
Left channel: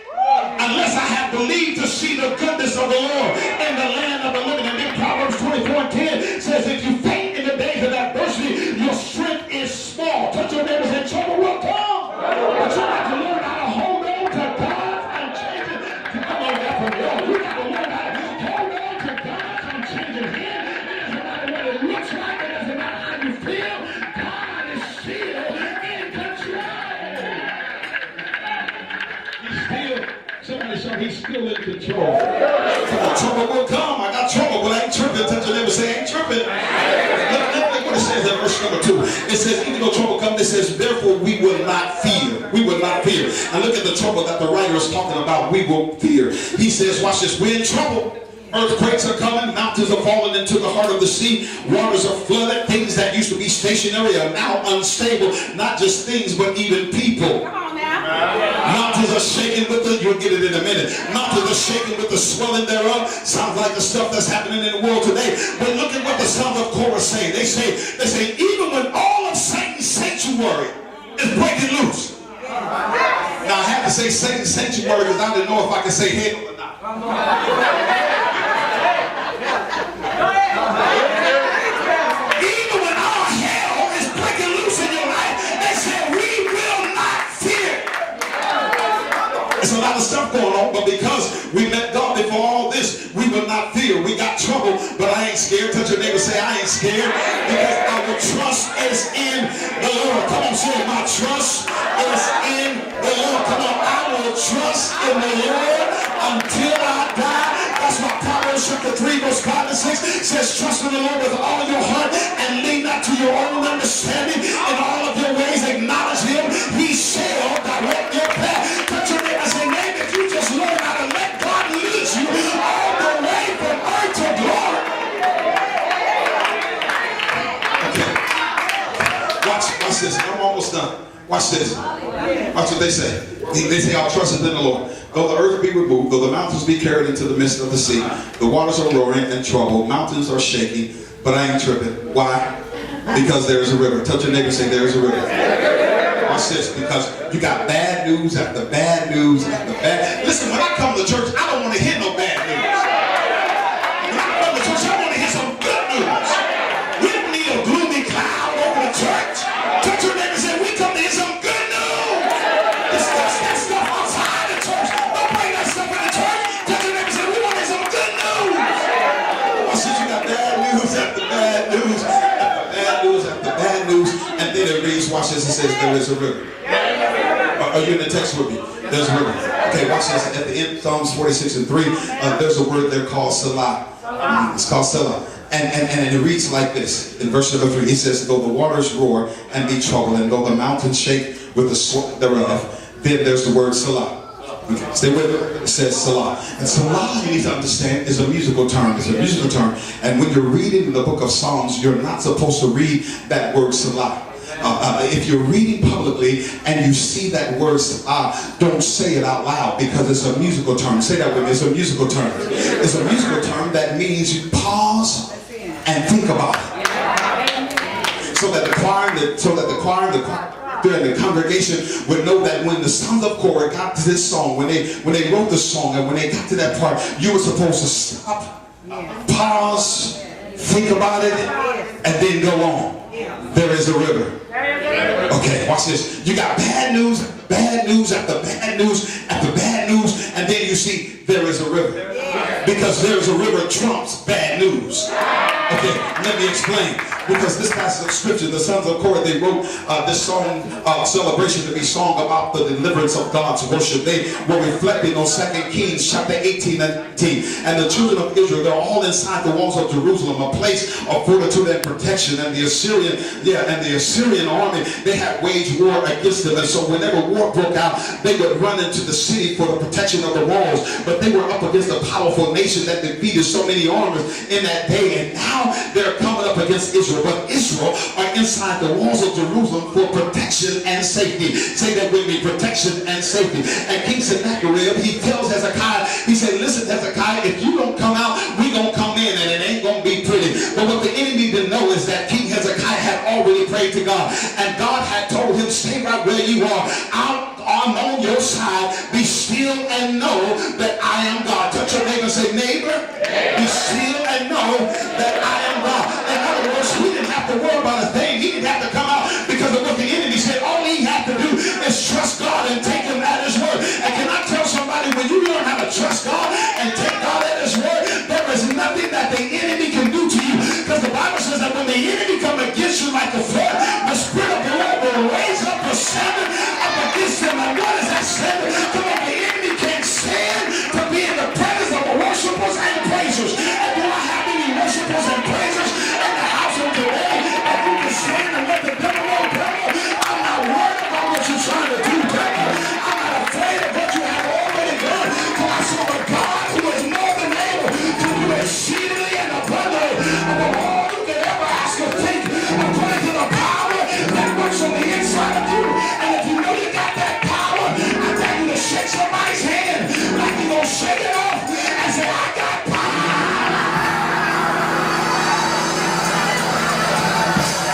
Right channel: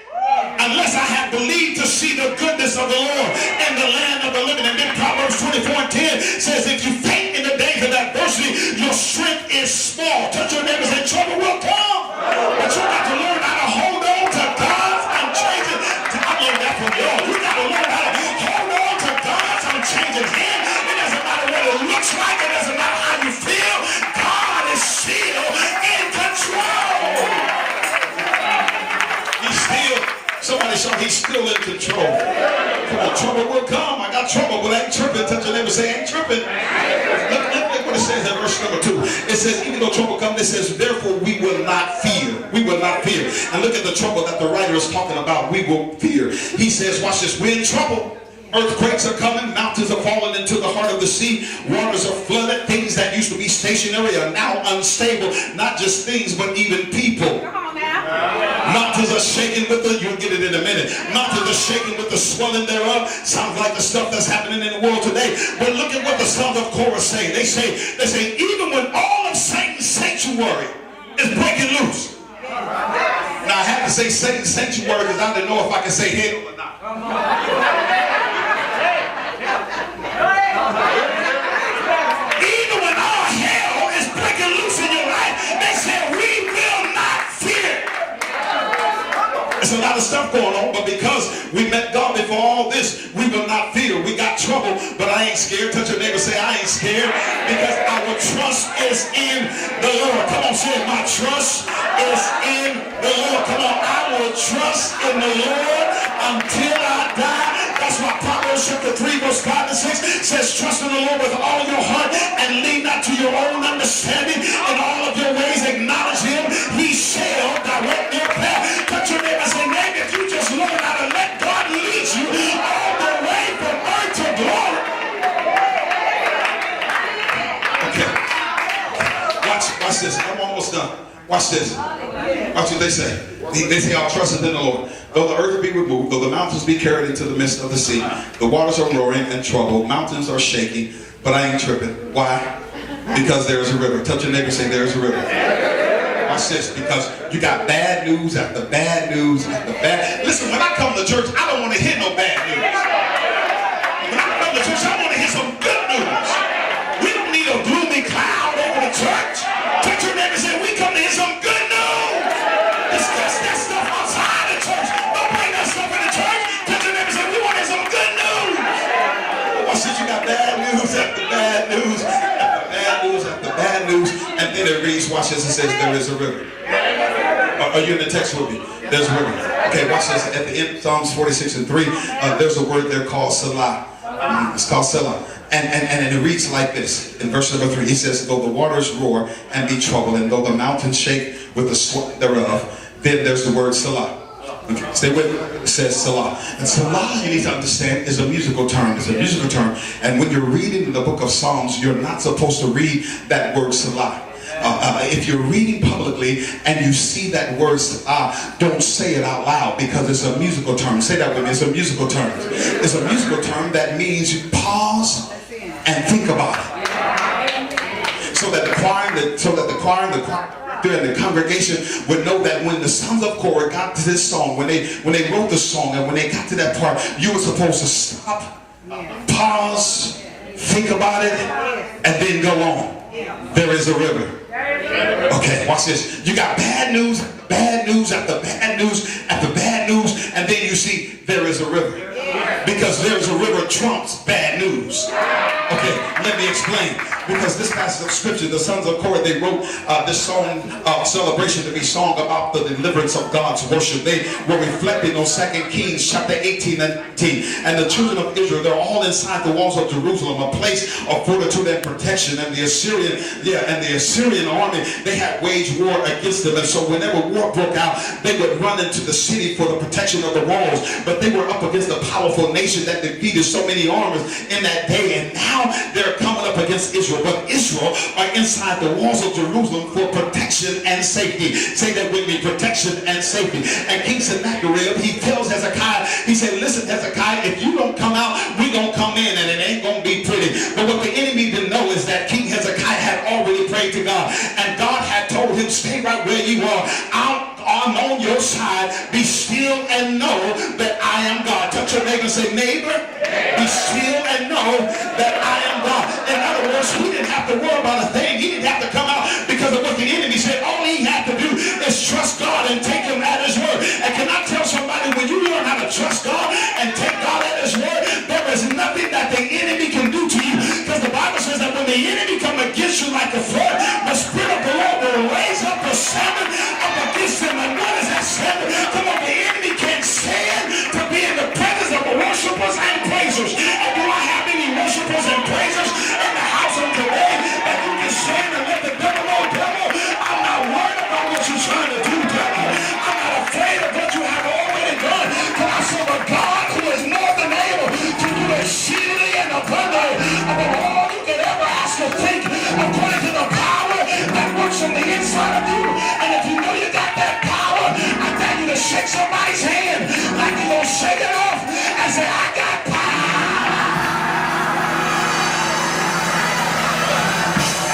unless I had believed to see the goodness of the Lord in the land of the living. And then Proverbs 24 and 10 says, if you faint in the days of adversity, your strength is small. Touch your neighbors and trouble will come. But you got to learn how to hold on to God's unchanging. I learned that from you. You got to learn how to hold on to God's unchanging hand. It doesn't matter what it looks like. It doesn't matter how you feel. God is still in control. He's still, somebody shout, he's still in control. Come on, trouble will come. I got trouble, but I ain't tripping. Touch your neighbor, say, I ain't tripping. Look what it says in verse number 2. It says, even though trouble comes, it says, therefore we will not fear. We will not fear. And look at the trouble that the writer is talking about. We will fear. He says, watch this, we're in trouble. Earthquakes are coming, mountains are falling into the heart of the sea, waters are flooded, things that used to be stationary are now unstable, not just things, but even people. Come on now. Mountains are shaking with the, you'll get it in a minute, mountains are shaking with the swelling thereof. Sounds like the stuff that's happening in the world today. But look at what the sons of Korah say. They say, even when all of Satan's sanctuary is breaking loose. Now I have to say Satan's sanctuary because I didn't know if I can say hell or not. Even when all hell is breaking loose in your life, they said, we will not fear. There's a lot of stuff going on, but because we met God before all this, we will not fear. We got trouble, but I ain't scared. Touch your neighbor, say, I ain't scared, because our trust is in the Lord. Come on, say, my trust is in the Lord. Come on, I will trust in the Lord until I die. That's why Proverbs chapter 3 verse 5 and 6 says, trust in the Lord with all of your heart and lean not to your own understanding. In all of your ways acknowledge him. He shall direct your path. Touch your neighbor and say, maybe if you just learn how to let God lead you all the way from earth to glory. Okay. Watch this. I'm almost done. Watch this. Watch what they say. They say, our trust is in the Lord. Though the earth be removed, though the mountains be carried into the midst of the sea, the waters are roaring and trouble, mountains are shaking, but I ain't tripping. Why? Because there is a river. Touch your neighbor and say, there is a river. Watch this, because you got bad news after bad news after bad. Listen, when I come to church, I don't want to hear no bad news. When I come to church, I want to hear some good news. We don't need a gloomy cloud over the church. Touch your neighbor and say, we come to hear some good news. It's just that stuff outside the church. Don't bring that stuff in the church. Touch your neighbor and say, we want to hear some good news. I said, you got bad news after bad news after bad news after bad news. And then it reads, watch this, it says, there is a river. Are you in the text with me? There's a river. Okay, watch this. At the end, Psalms 46 and 3, there's a word there called Selah. It's called Selah. And it reads like this. In verse number 3, he says, though the waters roar and be troubled, and though the mountains shake with the swelling thereof, then there's the word Selah. Okay, stay with it. It says Selah. And Selah, you need to understand, is a musical term. It's a musical term. And when you're reading the book of Psalms, you're not supposed to read that word Selah. If you're reading publicly and you see that word Selah, don't say it out loud, because it's a musical term. Say that with me. It's a musical term. It's a musical term that means you pause and think about it. So that the choir and the congregation would know that when the sons of Korah got to this song, when they wrote the song, and when they got to that part, you were supposed to stop, pause, think about it, and then go on. There is a river. Okay, watch this. You got bad news after bad news after bad news after bad news, and then you see there is a river. Because there is a river trumps bad news. Okay, let me explain. Because this passage of scripture, the sons of Korah, they wrote this song, celebration to be sung about the deliverance of God's worship. They were reflecting on 2 Kings chapter 18 and 19. And the children of Israel, they're all inside the walls of Jerusalem, a place of fortitude and protection. And the Assyrian army, they had waged war against them. And so whenever war broke out, they would run into the city for the protection of the walls. But they were up against a powerful nation that defeated so many armies in that day. And now they're coming up against Israel. But Israel are inside the walls of Jerusalem for protection and safety. Say that with me, protection and safety. And King Sennacherib, he tells Hezekiah, he said, listen, Hezekiah, if you don't come out, we gonna come in, and it ain't gonna be pretty. But what the enemy didn't know is that King Hezekiah had already prayed to God, and God had told him, stay right with where you are. I'm on your side. Be still and know that I am God. Touch your neighbor and say, neighbor, be still and know that I am God. In other words, he didn't have to worry about a thing. He didn't have to come out because of what the enemy said. All he had to do is trust God and take him at his word. And can I tell somebody, when you learn how to trust God and take God at his word, there is nothing that the enemy can do to you. Because the Bible says that when the enemy come against you like a flood, the Spirit of the Lord will raise up a salmon up against them. And what is that salmon? Come on, the enemy can't stand to be in the presence of the worshipers and praisers. And do I have any worshipers and praisers in the house of today? And you can stand and let the devil know, devil, I'm not worried about what you're trying to do, devil. I'm not afraid of what you have already done. For I serve a God who is more than able to do exceedingly and abundantly above all you can ever ask or think, according to the power that works on the inside of you. And if you know you got that power, I tell you to shake somebody's hand like you're going to shake it off and say, I got power.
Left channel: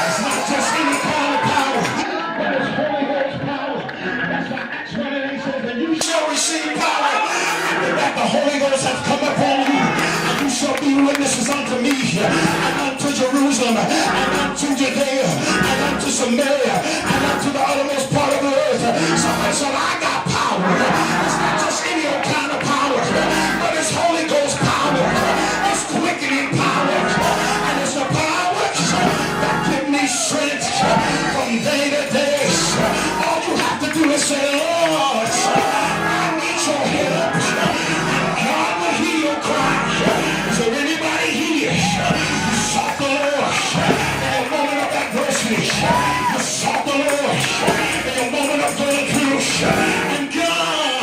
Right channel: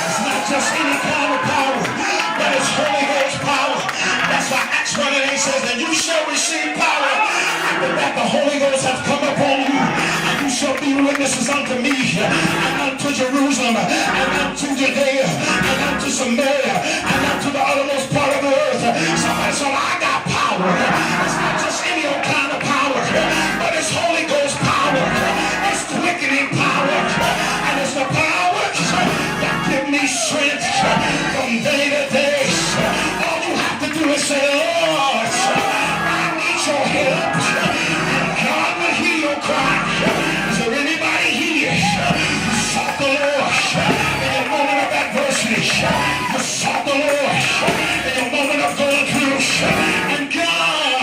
It's not just any kind of power, but it's Holy Ghost power. That's why Acts 1:8 says that you shall receive power after that the Holy Ghost has come upon you. And you shall be witnesses unto me, and unto Jerusalem, and unto Judea, and unto Samaria, and unto the uttermost part of the earth. Somebody said, I got power. It's not just any old kind of power, but it's Holy Ghost power. It's quickening power. And it's the power that gives me strength from day to day. All you have to do is say, Lord, I need your help. And God will hear your cry. Is there anybody here who sought the Lord in a moment of adversity? You sought the Lord in a moment of going through. And God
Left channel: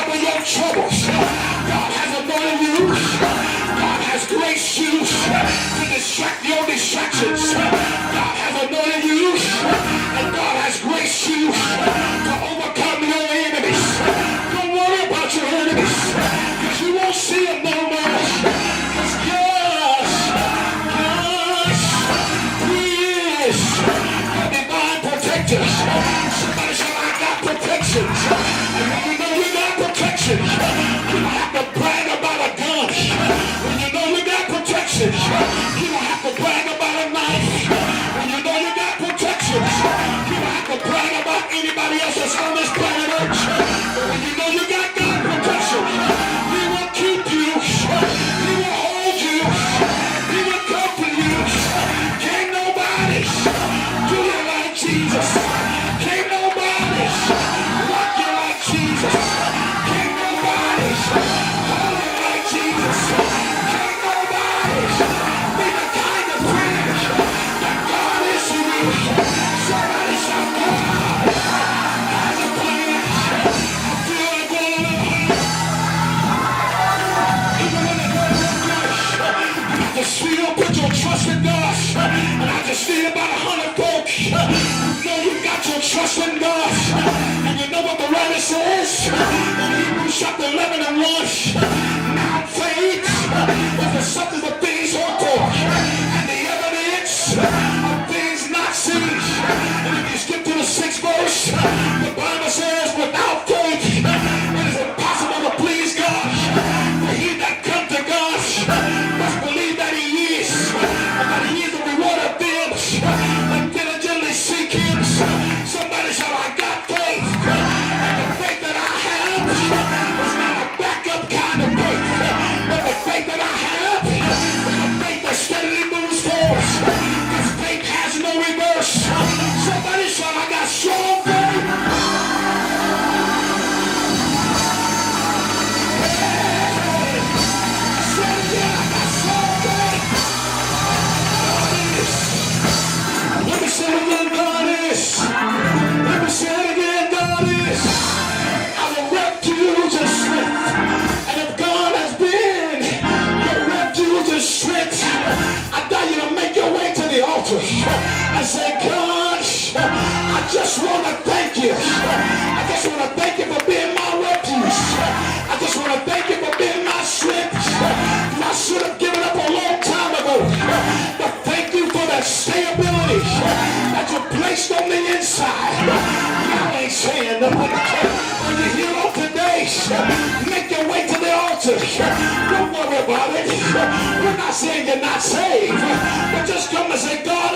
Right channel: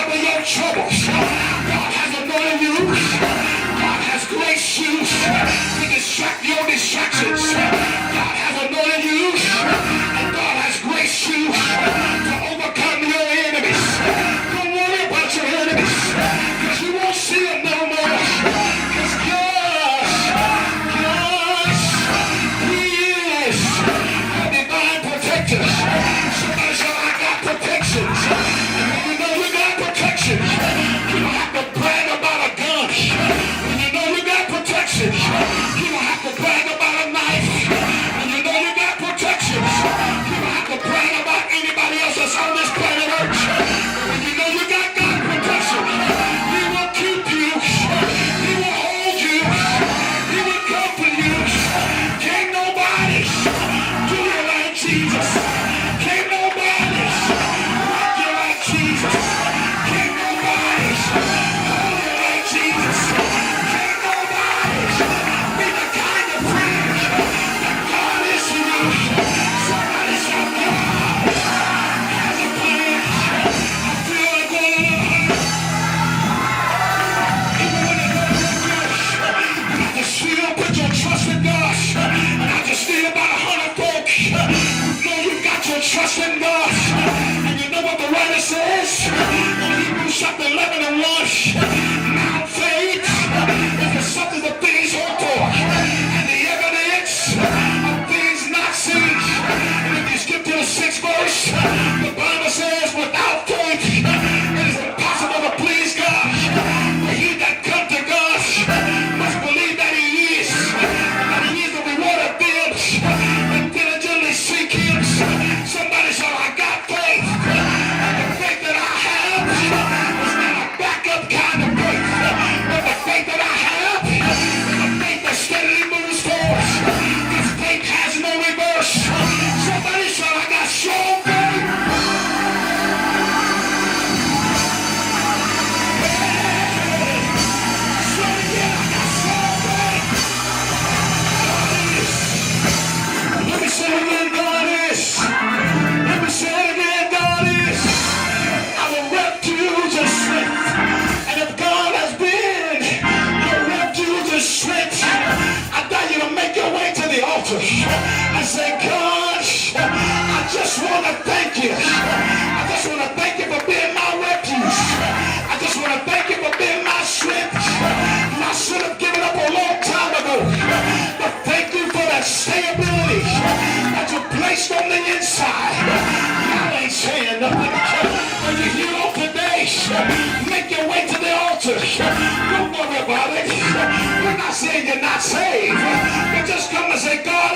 some of your troubles. God has anointed you. God has graced you to distract your distractions. God has anointed you, and God has graced you to overcome your enemies. Don't worry about your enemies, because you won't see them no more. Because God, He is a divine protector. Somebody say, I got protection. And when you know you got protection, you don't have to brag about a gun. When you know you got protection, you don't have to brag about a knife. When you know you got protection, you don't have to brag about anybody else that's on this planet Earth. But when you know you got God protection, He will keep you. He will hold you. He will comfort you. Can't nobody do you like Jesus. Can't nobody rock you like Jesus. Can't nobody hold you like Jesus. Can't nobody be the kind of friend that God is to you. Somebody shout, God has a plan. I feel it going on. Even when it doesn't look good, you have to still put your trust in God. And I just see about 100 folk. You know you've got your trust in God. And you know what the writer says? In Hebrews chapter 11 and 1. Now faith is the substance of things hoped for, and the evidence of things not seen. And if you skip to the 6th verse, the Bible says, without faith, it is impossible to please God. For he that comes to God must believe that He is, and that He is the reward of them that diligently seek Him. Somebody shout, I got faith. And the faith that I have is not a backup kind of faith, but the faith that I have is a faith that steadily moves forward. This faith has no reverse. Somebody shout, I got strong faith. Say it again, I got strong faith. Let me say it again, God is. Let me say it again, God is. Our refuge and strength. And if God has been your refuge and strength, I dare you to make your way to the altar and say, God, I just want to thank you. I just want to thank you for being my refuge. I just want to thank you for being my strength. I should have given up a long time ago, but thank you for that stability that you placed on the inside. Y'all ain't saying nothing. When you're here on today, make your way to the altar. Don't worry about it. We're not saying you're not saved, but just come and say, God,